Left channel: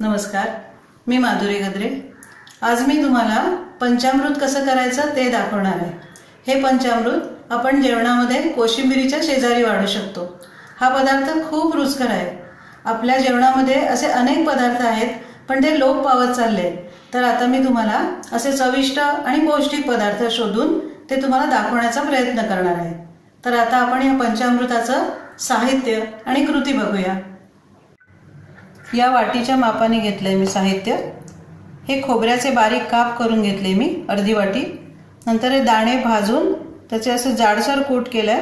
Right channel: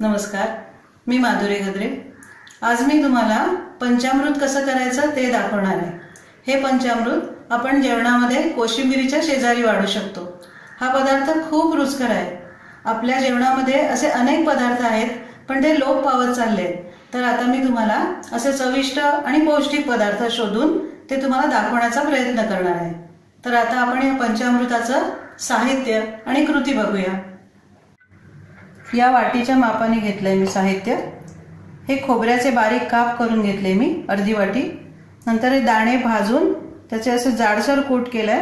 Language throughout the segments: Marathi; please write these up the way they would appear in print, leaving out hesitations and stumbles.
नमस्कार, मी माधुरी गद्रे। आज मी तुम्हाला पंचामृत कसं करायचं ते दाखवणार आहे। हे पंचामृत आपण जेवणामध्ये कोशिंबिरीच्या शेजारी वाढू शकतो। हा पदार्थ खूप रुचकर आहे। आपल्या जेवणामध्ये असे अनेक पदार्थ आहेत, पण ते लोप पावत चालले आहेत। तर आता मी तुम्हाला असे चविष्ट आणि पौष्टिक पदार्थ शोधून ते तुम्हाला दाखवण्याचा प्रयत्न करणार आहे। तर आता आपण या पंचामृताचं साहित्य आणि कृती बघूया। या वाटीच्या मापाने घेतलंय मी साहित्य। हे खोबऱ्याचे बारीक काप करून घेतले मी अर्धी वाटी। नंतर हे दाणे भाजून त्याचे असे जाडसर कूट केलाय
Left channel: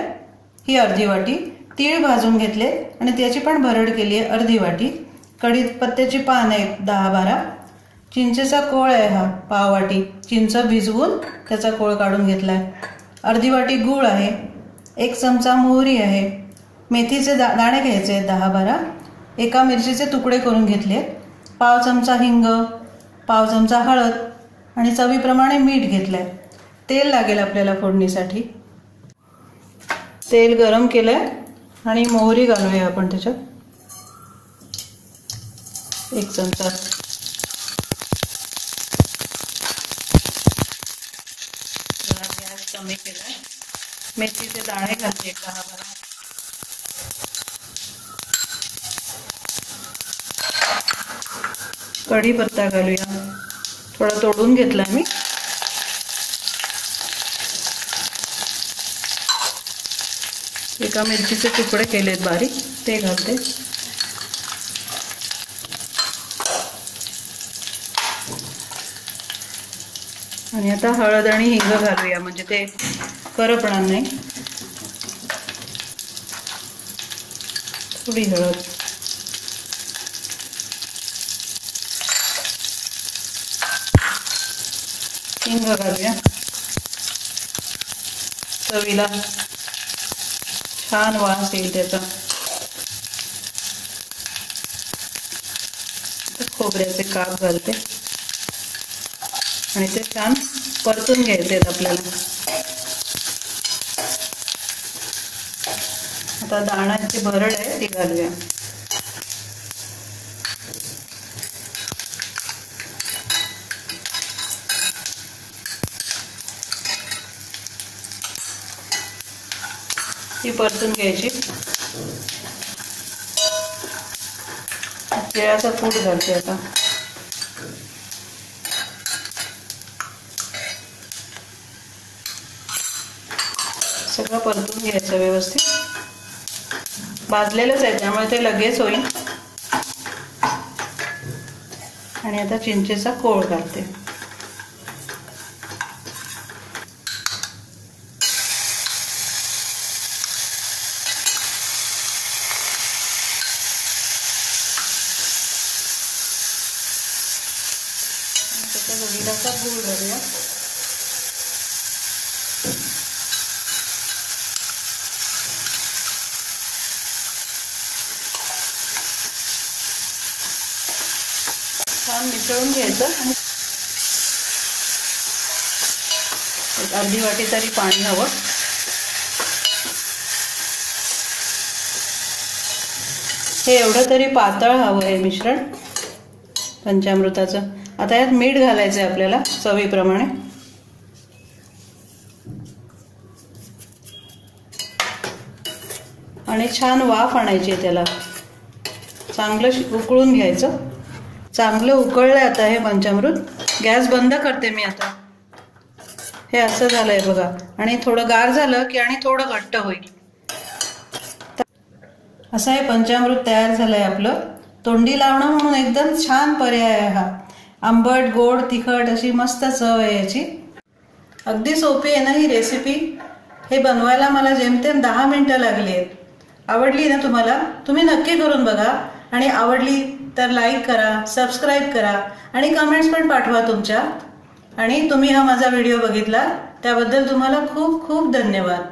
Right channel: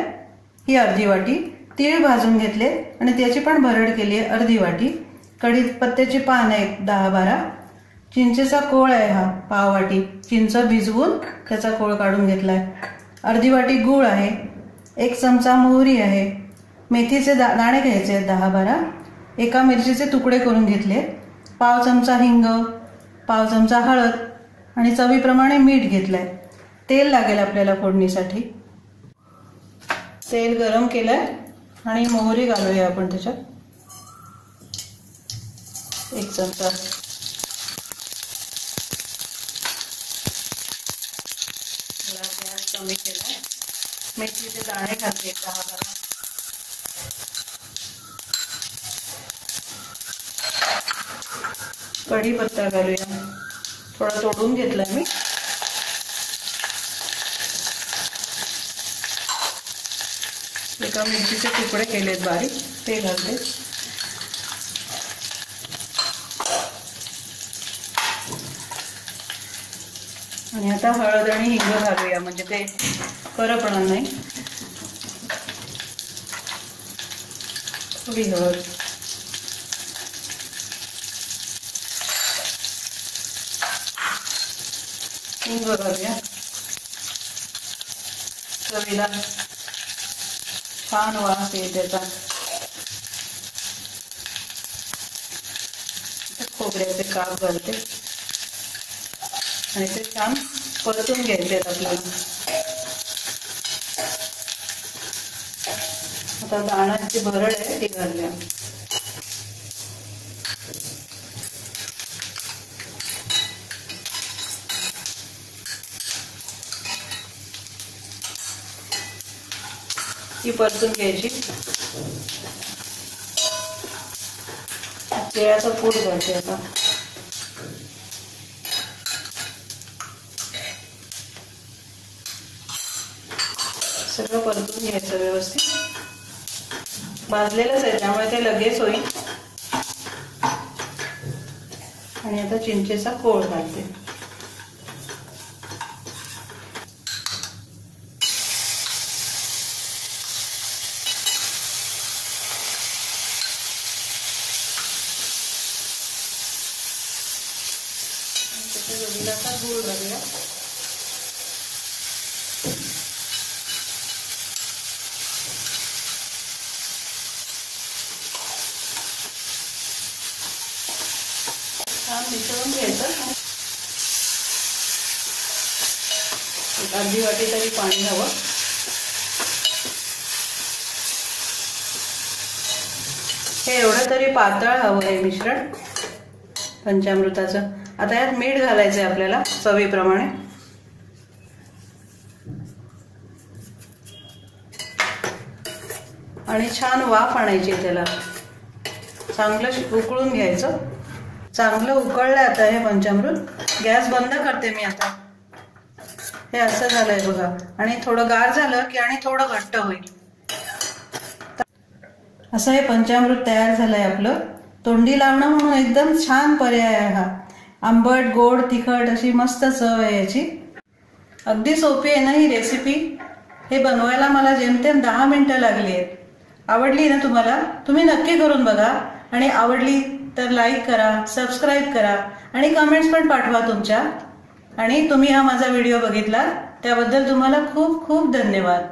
ही अर्धी वाटी। तीळ भाजून घेतले आणि त्याची पण भरड केली आहे अर्धी वाटी। कढीपत्त्याची पान आहे 10-12। चिंचेचा कोळ आहे हा पाव वाटी। चिंच भिजवून त्याचा कोळ काढून घेतलाय। अर्धी वाटी गूळ आहे। 1 चमचा मोहरी आहे। मेथीचे दाणे घ्यायचे 10-12। एका मिरचीचे तुकडे करून घेतले। पाव चमचा हिंग, पाव चमचा हळद आणि चवीप्रमाणे मीठ घेतलंय। तेल लागेल आपल्याला फोडणीसाठी। तेल गरम केलंय आणि मोहरी घालूया आपण त्याच्यात 1 चमचा। गॅस कमी केलाय। मेथीचे दाणे घालते 10-12। कढीपत्ता घालूया, थोडा तोडून घेतला मी। एका मिरचीचे तुकडे केलेत बारीक, ते घालते। आणि आता हळद आणि हिंग घालूया, म्हणजे ते करपणार नाही। थोडी हळद, हिंग घालूया। चवीला छान वास येईल त्याचा। खोबऱ्याचे काप घालते आणि ते छान परतून घ्यायचे आपल्याला। आता दाण्याची भरड आहे ती घालूया। ती परतून घ्यायची। तिळाचा पूड घालते आता। सगळं परतून घ्यायचं व्यवस्थित। भाजलेलंच आहे त्यामुळे ते लगेच होईल। आणि आता चिंचेचा कोळ घालते। गव्हाचा गूळ घालूया। छान मिसळून घ्यायचं। एक अर्धी वाटी तरी पाणी हवं। हे एवढं तरी पातळ हवं आहे मिश्रण पंचामृताचं। आता यात मीठ घालायचंय आपल्याला चवीप्रमाणे। आणि छान वाफ आणायची त्याला। चांगलं उकळून घ्यायचं। चांगलं उकळलंय आता हे पंचामृत। गॅस बंद करते मी आता। हे असं झालंय बघा। आणि थोडं गार झालं की आणि थोडं घट्ट होईल। असं हे पंचामृत तयार झालंय आपलं। तोंडी लावणं म्हणून एकदम छान पर्याय आहे हा। आंबट, गोड, तिखट अशी मस्त चव आहे याची। अगदी सोपी आहे ना ही रेसिपी। हे बनवायला मला जेमतेम 10 मिनिटं लागली आहेत। आवडली ना तुम्हाला? तुम्ही नक्की करून बघा। आणि आवडली तर लाईक करा, सबस्क्राईब करा आणि कमेंट्स पण पाठवा तुमच्या। आणि तुम्ही हा माझा व्हिडिओ बघितला त्याबद्दल तुम्हाला खूप खूप धन्यवाद।